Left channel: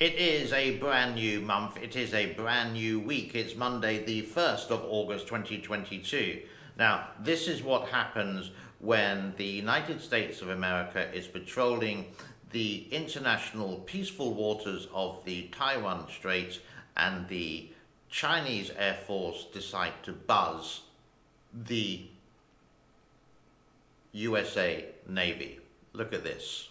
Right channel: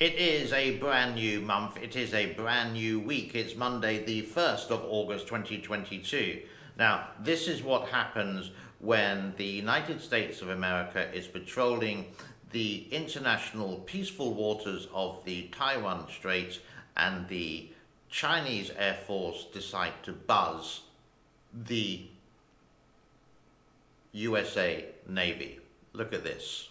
It is a brand new month. It is a brand new week. It's Monday, the 1st of August 2022. Now, this is what happens when the United States of America is patrolling the international peaceful waters of the Taiwan Straits and the Chinese Air Force decide to buzz the USA Navy. Look at this.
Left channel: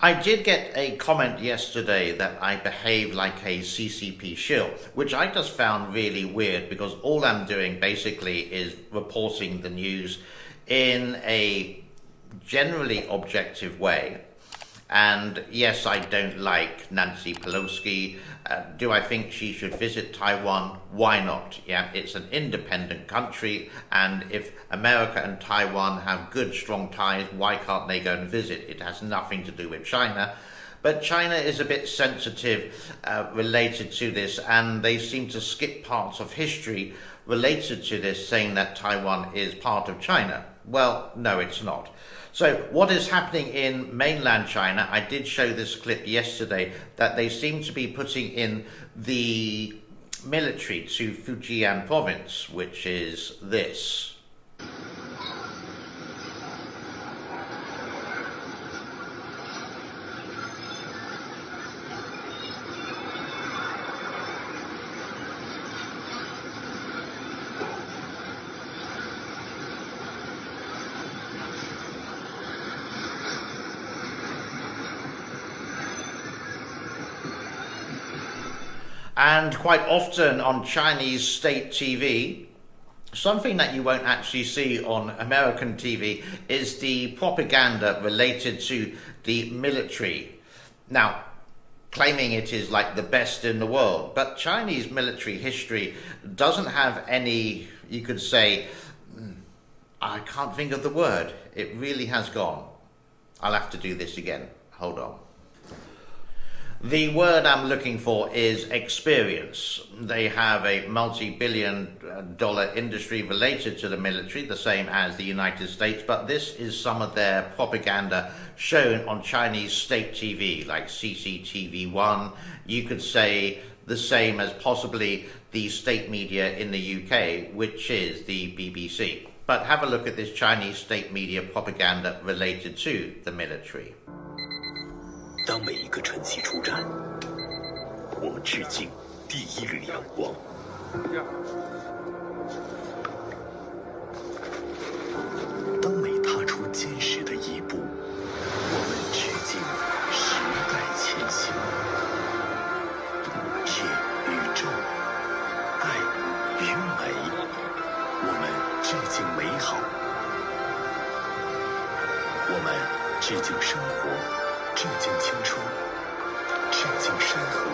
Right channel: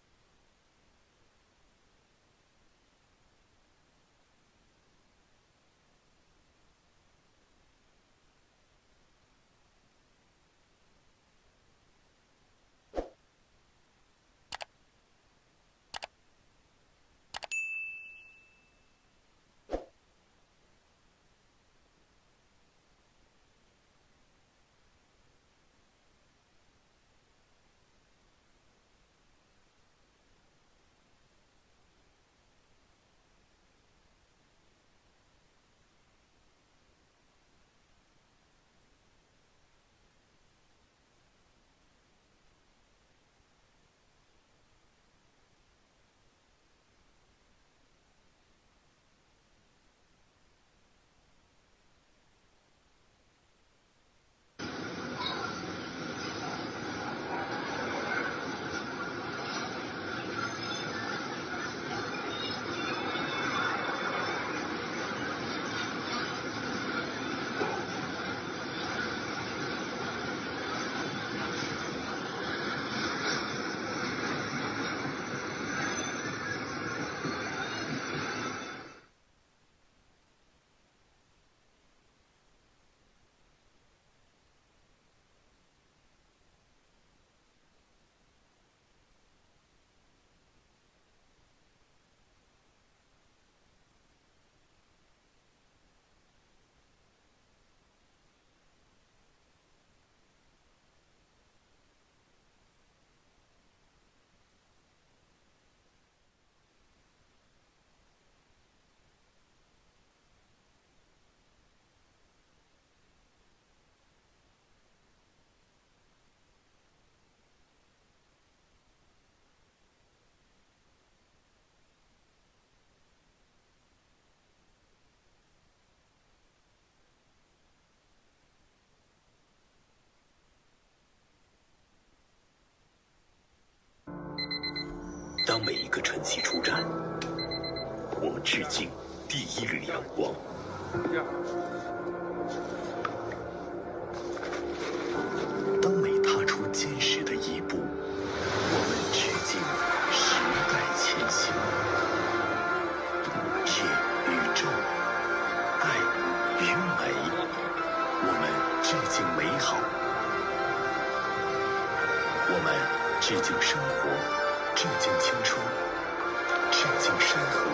I did get a comment yesterday that I behave like a CCP shill, which I just found really weird because all I'm doing basically is reporting the news in a generally objective way. And yes, I don't like Nancy Pelosi. Do I think she should visit Taiwan? Why not? Yeah, it's an independent country, and if America and Taiwan have good, strong ties, why can't they go and visit? It has nothing to do with China. But China is a bit sensitive related to this, and they seem to skip parts of history related to this, saying that Taiwan is part of China. Well, no, it's not. So what is happening in mainland China, I did show this clip yesterday, that they seem to be putting in the military to Fujian province, which is this. And quite often on Chinese state TV, something that you won't actually see on American TV is the propaganda related to the military. Now, claiming it is like the best in the world, but Chinese military history doesn't have any, you could say, I can't think of the word. It really has gone. I'll have to do this again. Hold on. The word I'm looking for is experience. They have a multi-billion-dollar industry related to the military, the same as the United States, but this is some of their propaganda shown on Chinese state TV, like CCTV1. You could say the same as possibly the state media in the UK, which is the BBC. But have a look at this Chinese state media propaganda related to the military. 当每一个晨曦出战，我们致敬第一缕阳光。当每踏出坚实的一步，我们致敬时代前行。借宇宙，爱与美，我们致敬美好。我们致敬生活。 致敬青春，致敬山河，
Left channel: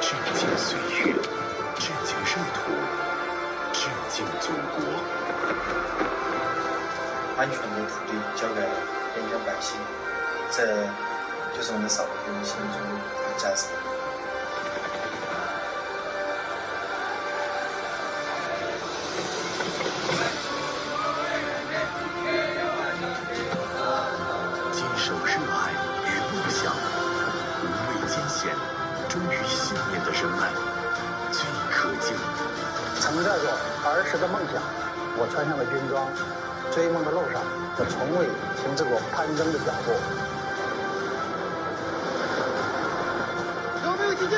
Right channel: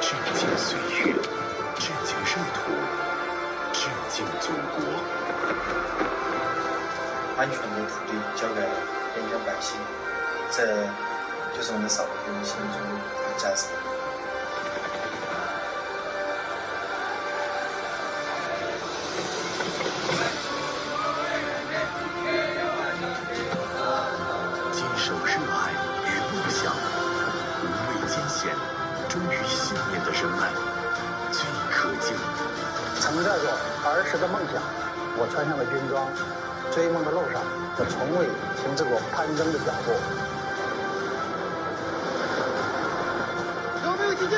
致敬岁月，致敬热土，致敬祖国。安全的土地交给边疆百姓，这就是我们少数民族心中的价值。坚守热爱。 无畏艰险，忠于信念的人们最可敬。曾带着儿时的梦想，我穿上了军装，追梦的路上，我从未停止过攀登的脚步。有没有听见？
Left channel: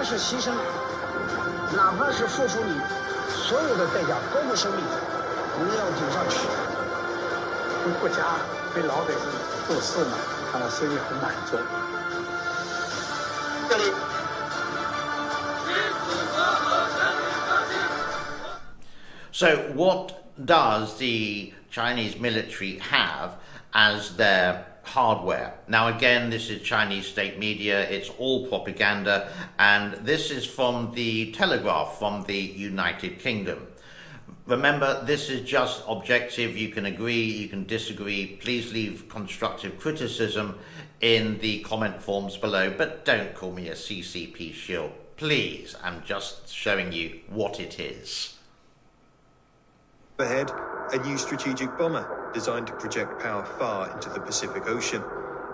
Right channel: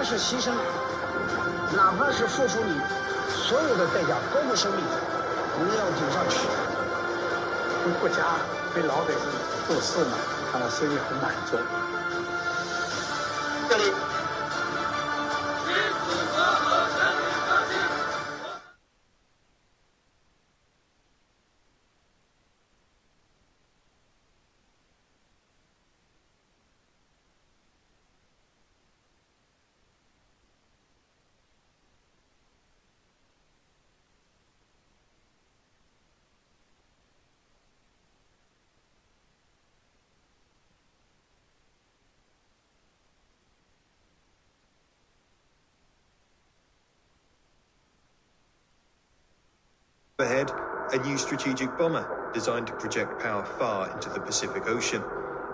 怕是牺牲，哪怕是付出你所有的代价，包括生命，你也要顶上去。为国家、为老百姓做事呢，看来心里很满足。这里。So what does the Chinese military have as their hardware? Now again, this is Chinese state media, it's all propaganda, and this is from the Telegraph from the United Kingdom. Remember, this is just objective. You can agree, you can disagree. Please leave constructive criticism in the comment forms below, but don't call me a CCP shill, please. I'm just showing you what it is. Ahead, a new strategic bomber designed to project power far into the Pacific Ocean,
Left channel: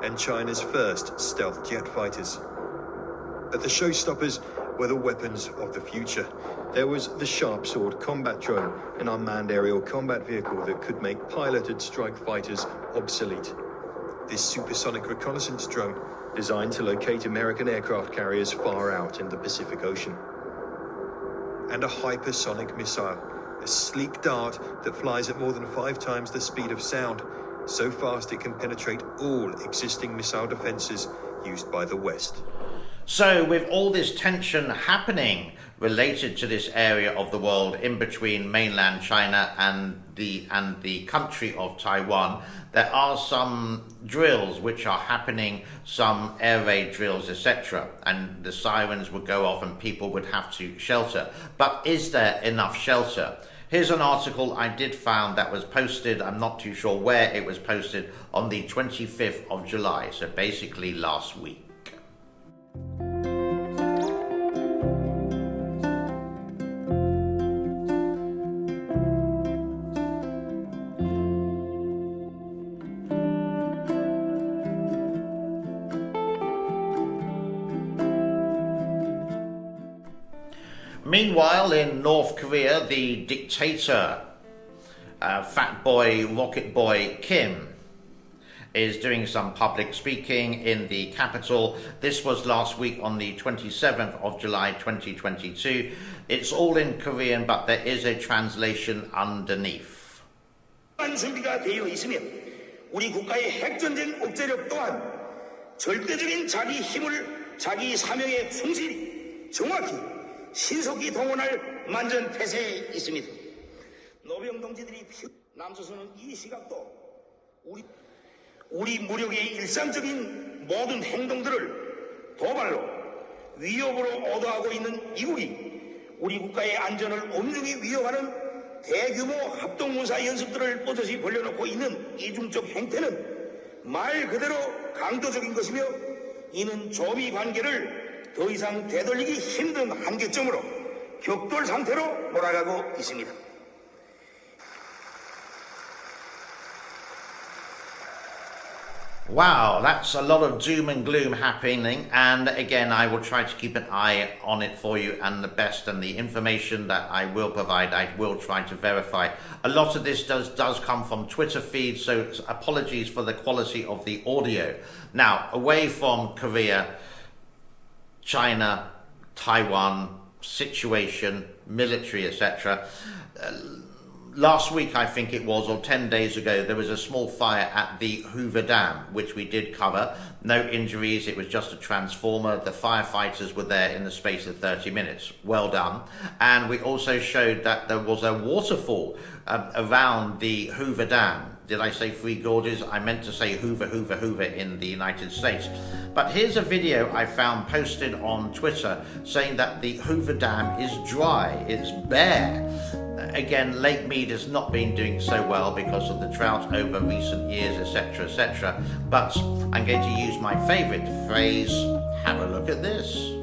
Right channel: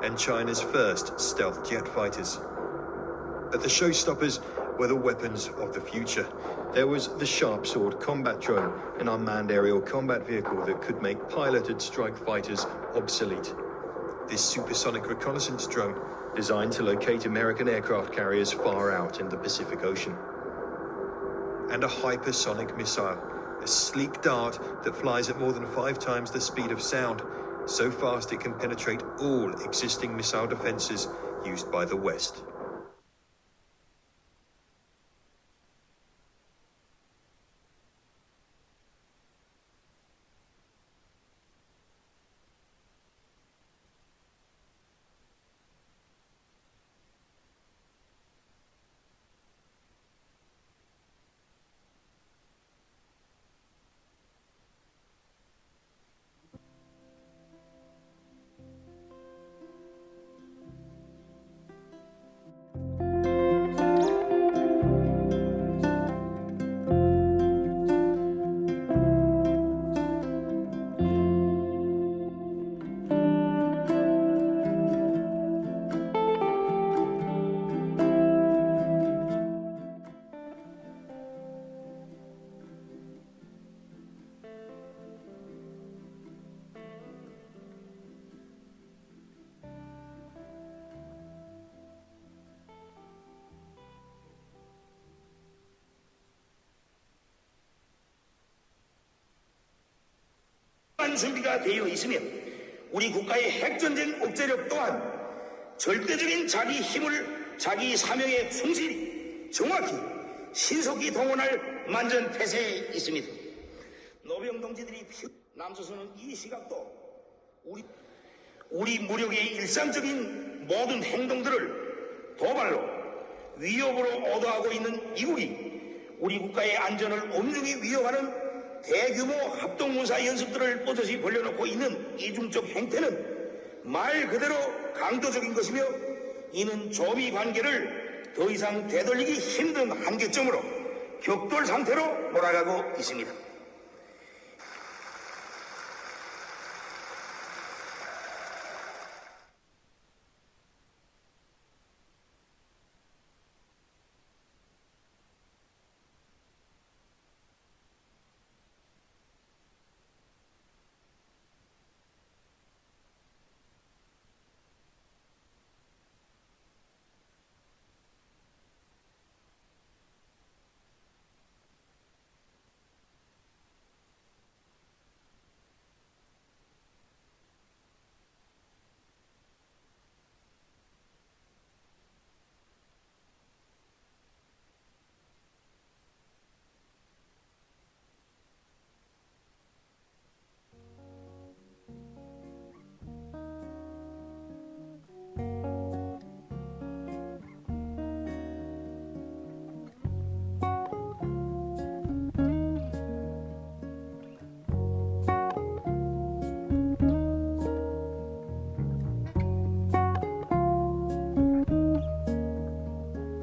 and China's first stealth jet fighters. But the showstoppers were the weapons of the future. There was the Sharp Sword combat drone, an unmanned aerial combat vehicle that could make piloted strike fighters obsolete. This supersonic reconnaissance drone, designed to locate American aircraft carriers far out in the Pacific Ocean. And a hypersonic missile, a sleek dart that flies at more than 5 times the speed of sound, so fast it can penetrate all existing missile defenses used by the West. So with all this tension happening related to this area of the world in between mainland China and the country of Taiwan, there are some drills which are happening, some air raid drills, etc. And the sirens would go off and people would have to shelter. But is there enough shelter? Here's an article I did found that was posted, I'm not too sure where it was posted, on the 25th of July, so basically last week. Meanwhile, in North Korea, the dictator, fat boy, rocket boy Kim, is doing some public speaking in the capital. This was last week on the 27th of July 2022. It's all in Korean, but there is a translation underneath. 준비가 되어 있으며 우리 국가의 핵전쟁 억제력 또한 절대적인 자기 힘을 자기 사명에 충실히 정확히 신속히 동원할 만전태세에 있습니다. 노병 동지들이 남조선은 이 시각도 우리 무력의 일상적인 모든 행동들을 도발로 위협으로 오도하고 있는 이국이 우리 국가의 안전을 엄중히 위협하는 대규모 합동군사 연습들을 뽀듯이 벌려놓고 있는 이중적 행태는 말 그대로 강도적인 것이며 이는 조미 관계를 더 이상 되돌리기 힘든 한계점으로 격돌 상태로 몰아가고 있습니다. Wow, that's a lot of doom and gloom happening, and again I will try to keep an eye on it for you, and the best and the information that I will provide I will try to verify. A lot of this does come from Twitter feeds, so apologies for the quality of the audio. Now, away from Korea, China, Taiwan situation, military, etc. Last week, I think it was, or 10 days ago, there was a small fire at the Hoover Dam, which we did cover. No injuries, it was just a transformer. The firefighters were there in the space of 30 minutes. Well done. And we also showed that there was a waterfall around the Hoover Dam. Did I say Three Gorges? I meant to say Hoover, Hoover, Hoover in the United States. But here's a video I found posted on Twitter saying that the Hoover Dam is dry, it's bare. Again, Lake Mead has not been doing so well because of the drought over recent years, etc., etc. But I'm going to use my favorite phrase, have a look at this.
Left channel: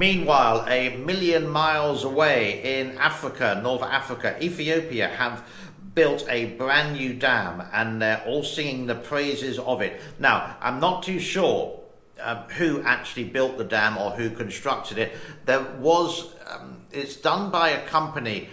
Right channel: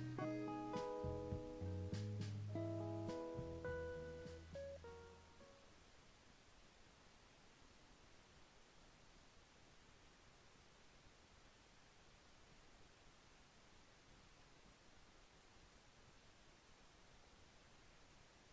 Meanwhile, a million miles away in Africa, North Africa, Ethiopia have built a brand new dam, and they're all singing the praises of it. Now, I'm not too sure who actually built the dam or who constructed it. There was, it's done by a company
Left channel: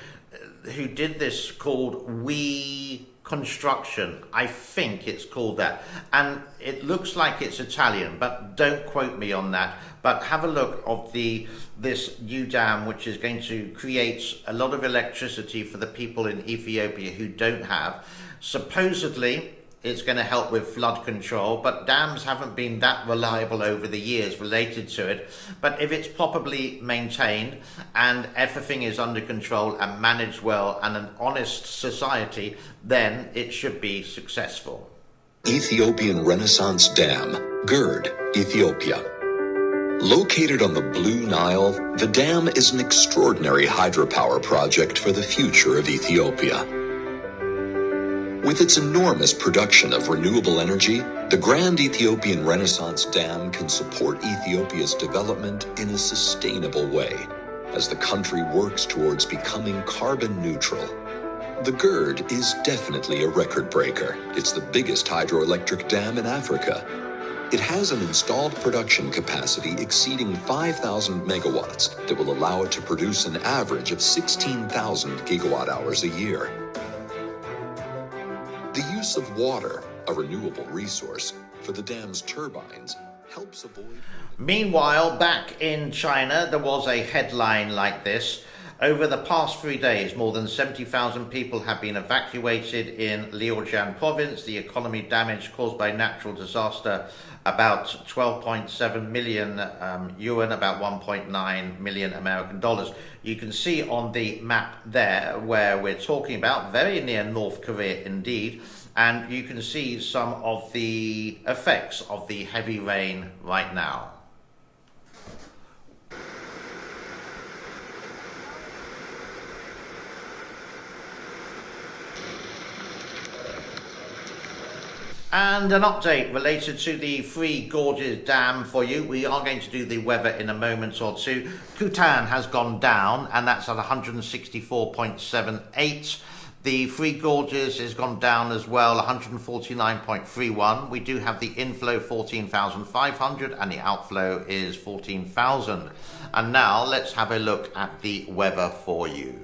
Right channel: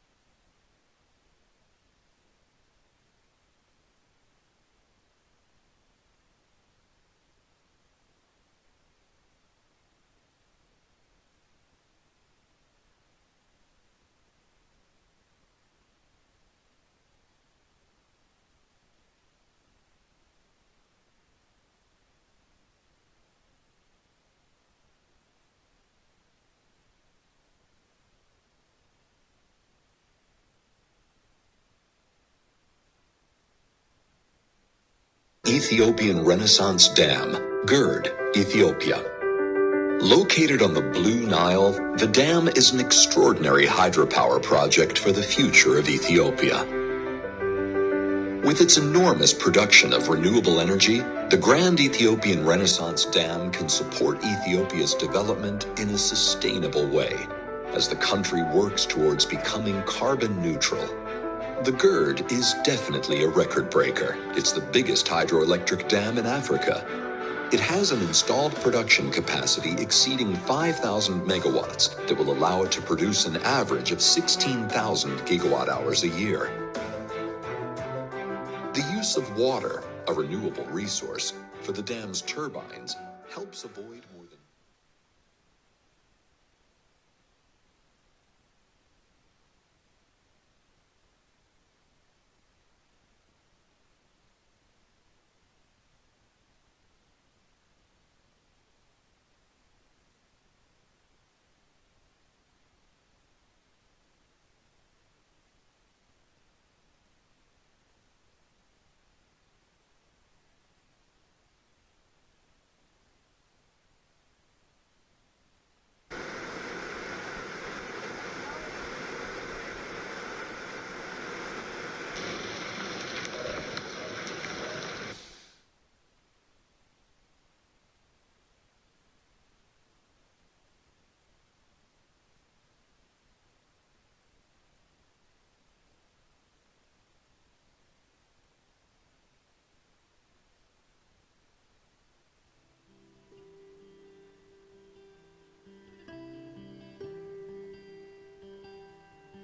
who did this called We Construction. I think it's called that. And it looks like it's Italian, but don't quote me on that. But have a look of this new dam, which is going to create a lot of electricity for the people in Ethiopia who don't have. Supposedly, it's going to help with flood control, but dams haven't been that reliable over the years related to it. But if it's properly maintained and everything is under control and managed well and an honest society, then it should be successful. Ethiopian Renaissance Dam, Gerd, Ethiopia. Located on the Blue Nile, the dam is an extraordinary hydropower project for the future of Ethiopia. With its enormous production of renewable energy, the Grand Ethiopian Renaissance Dam can support Ethiopia's development in a sustainable way as the country works towards becoming carbon neutral. The Gerd is definitely a record breaker. It's the biggest hydroelectric dam in Africa. It has an installed production capacity exceeding 5,000 megawatts that will allow it to produce an average of 16,000 gigawatt hours a year. The use of water, a renewable resource, for the dam's turbines helps avoid... Meanwhile, back in China, there was a headline like this. Over the past 3 days, more than 70,000 people have been evacuated in Liujiang province. The economy damage caused by natural disaster, about 12.7 million yuan, about 1.9 million American dollars. You can see on the map there where we're talking about, very near North Korea indeed, and you can see some of the effects of the heavy rain right now. And an update related to the Three Gorges Dam for you. We are going to do the weather in a moment or two. Kutan has gone down, and that's at 164.78. The Three Gorges has gone down as well, 149.31. We do have the inflow 14,500 and the outflow is 14,000. And now let's have a look at the weather for you.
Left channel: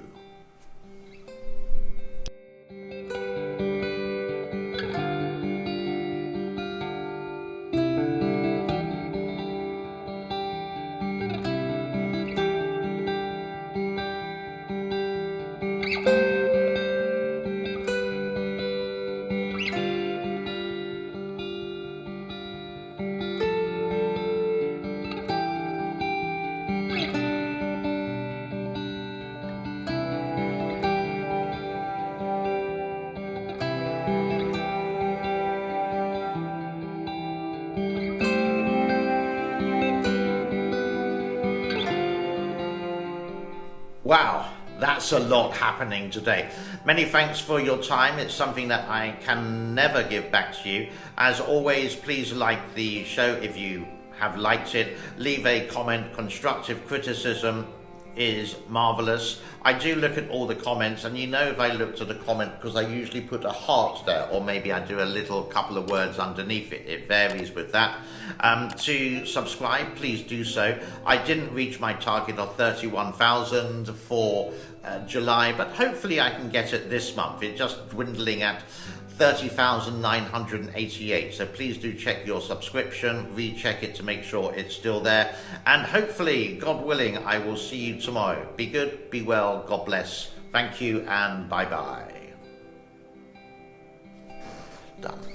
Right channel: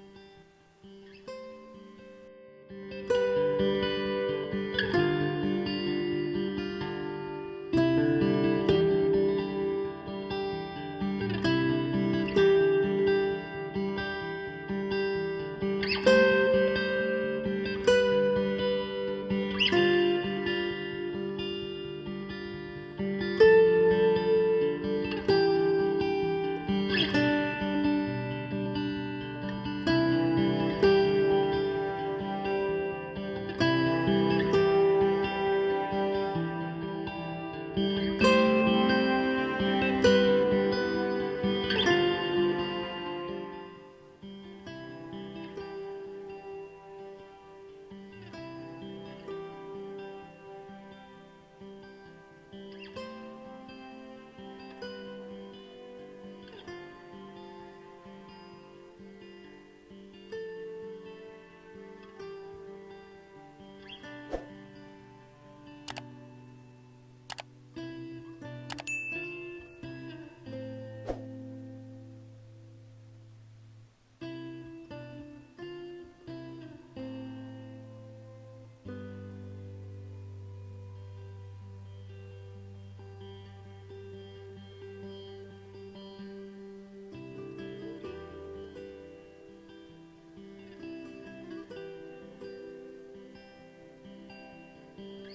Wow, that's a lot happening today. Many thanks for your time. It's something that I can never give back to you. As always, please like the show if you have liked it. Leave a comment. Constructive criticism is marvelous. I do look at all the comments, and you know if I look to the comment, because I usually put a heart there, or maybe I do a little couple of words underneath it. It varies with that. To subscribe, please do so. I didn't reach my target of 31,000 for July, but hopefully I can get it this month. It's just dwindling at 30,988. So please do check your subscription, recheck it to make sure it's still there. And hopefully, God willing, I will see you tomorrow. Be good, be well, God bless. Thank you and bye-bye. Done.